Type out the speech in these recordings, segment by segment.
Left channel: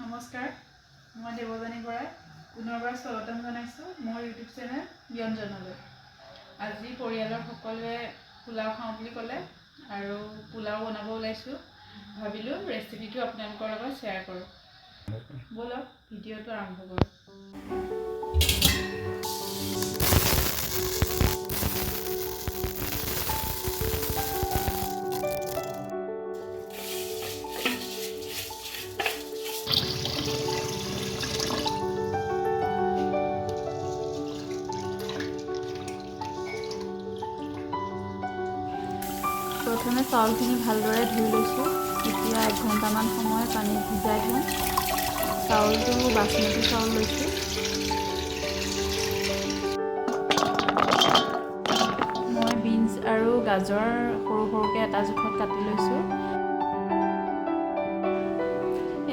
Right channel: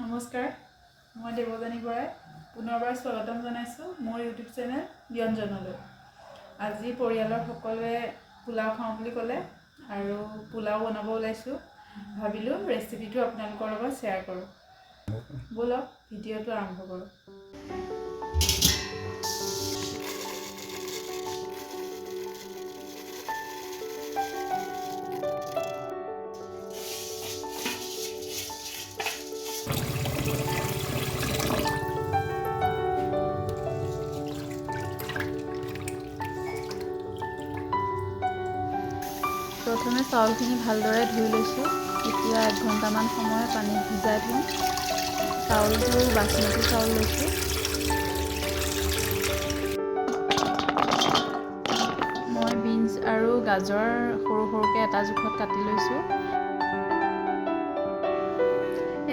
নমস্কাৰ, মই দেৱজানী বৰাই পুনৰবাৰ স্বাগতম জনাইছোঁ মোৰ ইউটিউব চেনেল ব্যঞ্জনলৈ। আজি পৰিয়ালৰ সকলোৱে পোলাও খাওঁ বুলি ক'লে আৰু পোলাও বনাব ওলাইছোঁ। ভাবিলোঁ ৰেচিপিটো আপোনালোকৰ লগত শ্বেয়াৰ কৰোঁ। ব'লক ভিডিঅ'টো আৰম্ভ কৰোঁ। প্ৰথমে চাউলখিনি ভালদৰে ধুই লৈছোঁ। এতিয়া 1 ঘণ্টামান সময় পানীত ভিজাই থওঁ। চাউলটো বাচমতি চাউল লৈছোঁ। মই বিনছ আৰু গাজৰ সৰু সৰুকৈ এটা জোখত কাটি লৈছোঁ।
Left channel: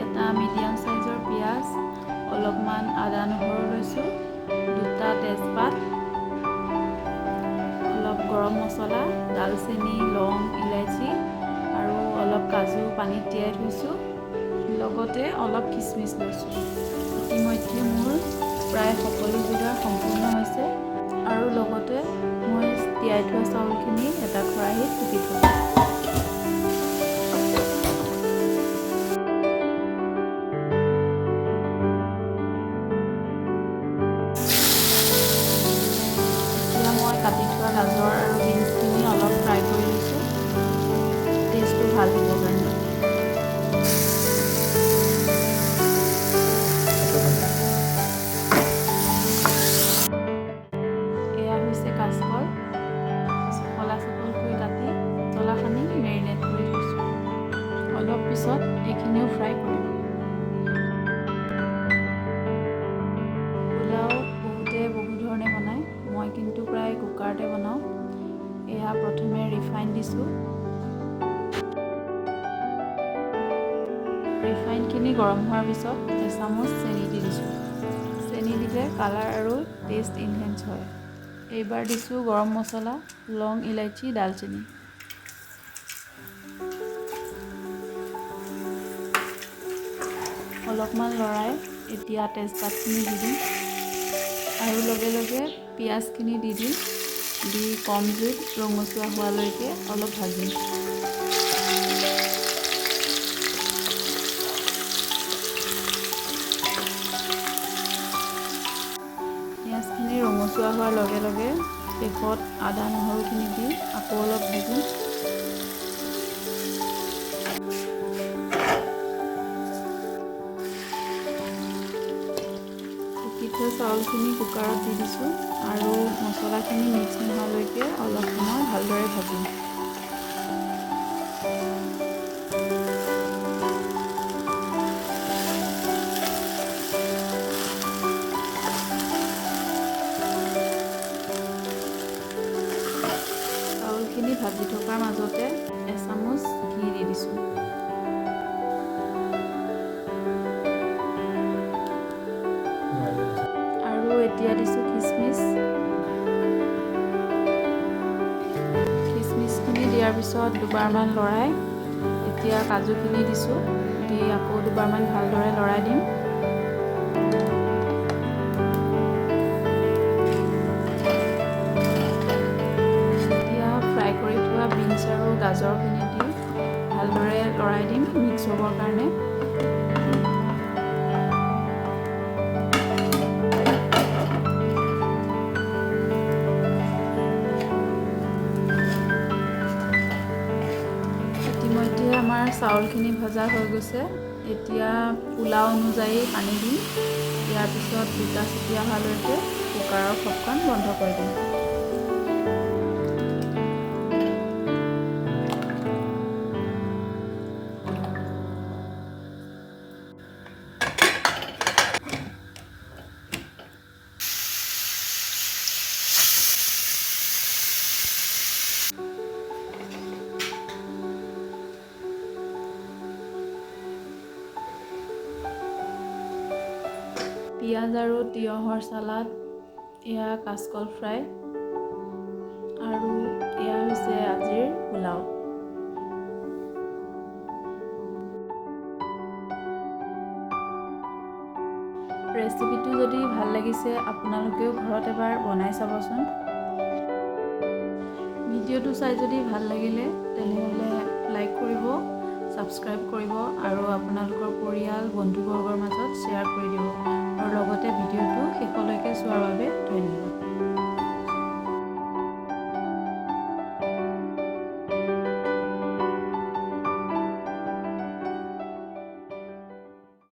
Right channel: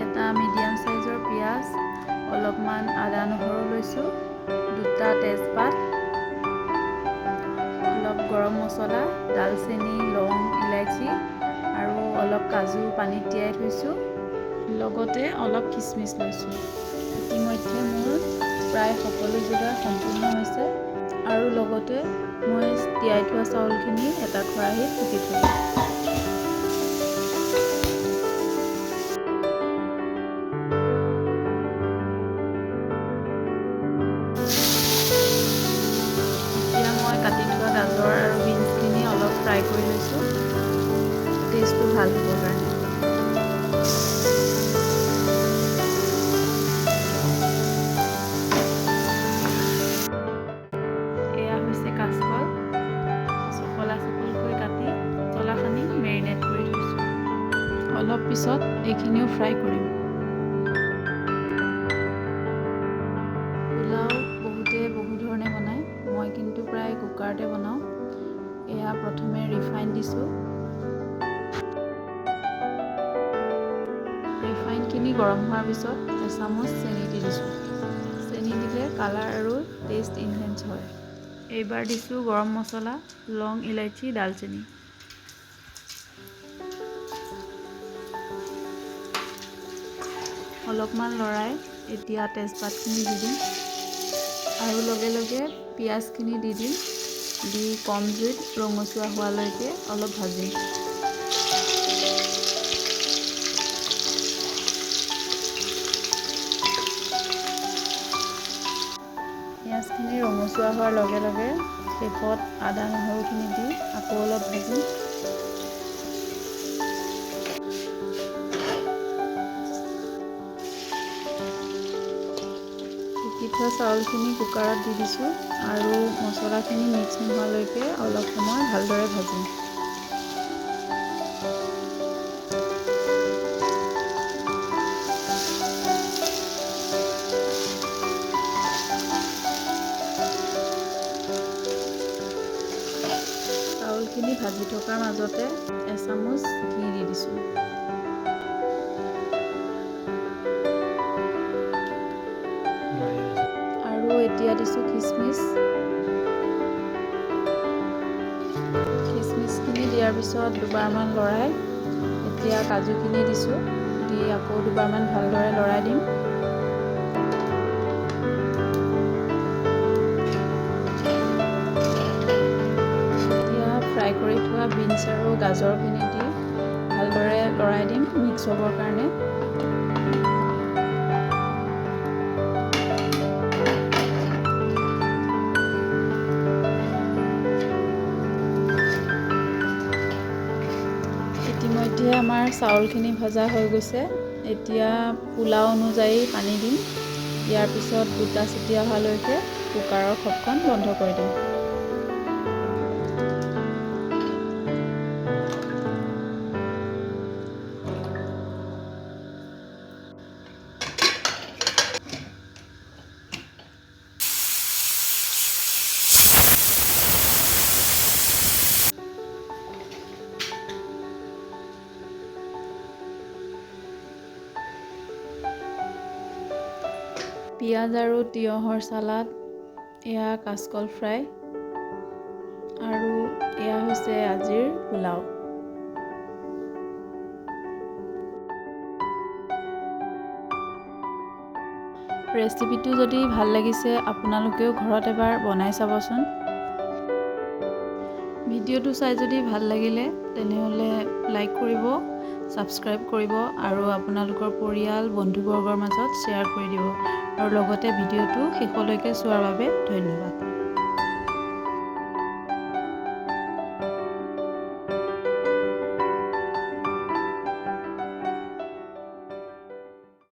এটা মিডিয়াম সাইজৰ পিঁয়াজ, অলপমান আদা নহৰু লৈছোঁ, 2টা তেজপাত, অলপ গৰম মছলা, দালচেনি, লং, ইলাইচি আৰু অলপ কাজু পানীত তিয়াই থৈছোঁ। লগতে অলপ খিচমিচ লৈছোঁ। ইতিমধ্যে মোৰ প্ৰায় সকলো যোগাৰ সম্পূৰ্ণ হৈছে আৰু লগতে মই তিয়াই থোৱা চাউলখিনি এটা খৰাহীত টুকি থৈছোঁ। মই কাটি থোৱা গাজৰ আৰু বিনছখিনি অলপ ফ্ৰাই কৰি লৈছোঁ, টেষ্টটো ভাল হ'বৰ কাৰণে। এয়া হৈছে কাচকল, চকলা চকলকৈ কাটি মছলা সানি মেৰিনেট কৰি থৈছোঁ। অলপ পিছত এইখিনিও ফ্ৰাই কৰিম। পোলাও বহুতে বহু ধৰণে বনায়, মই কিন্তু প্ৰায় কুকাৰতে বনাওঁ। এয়া প্ৰথমে ৰিফাইন দিছোঁ। ৰিফাইনখিনি গৰম হোৱাৰ পিছত এচামুচ চেনি দি দিছোঁ। চেনি দিলে কালাৰ আৰু টেষ্ট ইনহেঞ্চ হয়। এইবাৰ দিছোঁ গৰম মছলা, লং, ইলাইচি, দালচেনি। অলপমান লৰাই এতিয়া তেজপাতখিনি দি দিম আৰু লগে লগে পিঁয়াজখিনি দি দিম। দি কম জুইত ৰঙচুৱা হোৱালৈকে অলপ ভাজিম। পিঁয়াজখিনি ৰঙচুৱা হোৱাৰ লগে লগে শেষত আদা নহৰুখিনি দি আকৌ অলপ ভাজিম। টুকি থোৱা চাউলখিনি কুকাৰত দি দিছোঁ আৰু মছলাখিনি মিক্স নোহোৱালৈকে অলপ সময় ভালদৰে ভাজিম। চাউলখিনি ভাজি থকাৰ মাজতে এচামুচ ঘি দি দিছোঁ। আৰু এতিয়া দিছোঁ খিচমিচ। খিচমিচখিনি দিয়াৰ পিছত দুবাৰমান লৰাই এতিয়া কাজুখিনি দিছোঁ। দি আকৌ দুবাৰমান ভালদৰে লৰাই দিম। ফ্ৰাই কৰি থোৱা বিনছ আৰু গাজৰখিনি দি ভালদৰে লৰাই দিম মিক্স হ'বৰ কাৰণে। ইতিমধ্যে আমাৰ চাউলখিনি ভজা হৈ গৈছে। এতিয়া পোলাও অনুযায়ী পানী দিম। ইয়াৰ পিছত 2টা চিটি অহালৈকে কুকাৰৰ ঢাকন বন্ধ কৰি দিম। পিঁয়াজ আৰু তিয়হৰ চালাড, এয়া কাচকল ফ্ৰাই আৰু এয়া হৈছে আজিৰ পোলাও। ৰেচিপিটো যদি ভাল লাগিছে আপোনালোকেও ঘৰত এবাৰ বনাই চাবচোন। ভিডিঅ'টো চাই যদি ভাল লাগিলে তেনেহ'লে লাইক কৰিব, ছাবস্ক্ৰাইব কৰিব আৰু আপোনালোকৰ পৰিয়াল বন্ধুবৰ্গৰ মাজত শ্বেয়াৰ কৰি দিব আৰু লগতে ভিডিঅ'টো শেষলৈকে চোৱাৰ বাবে ধন্যবাদ।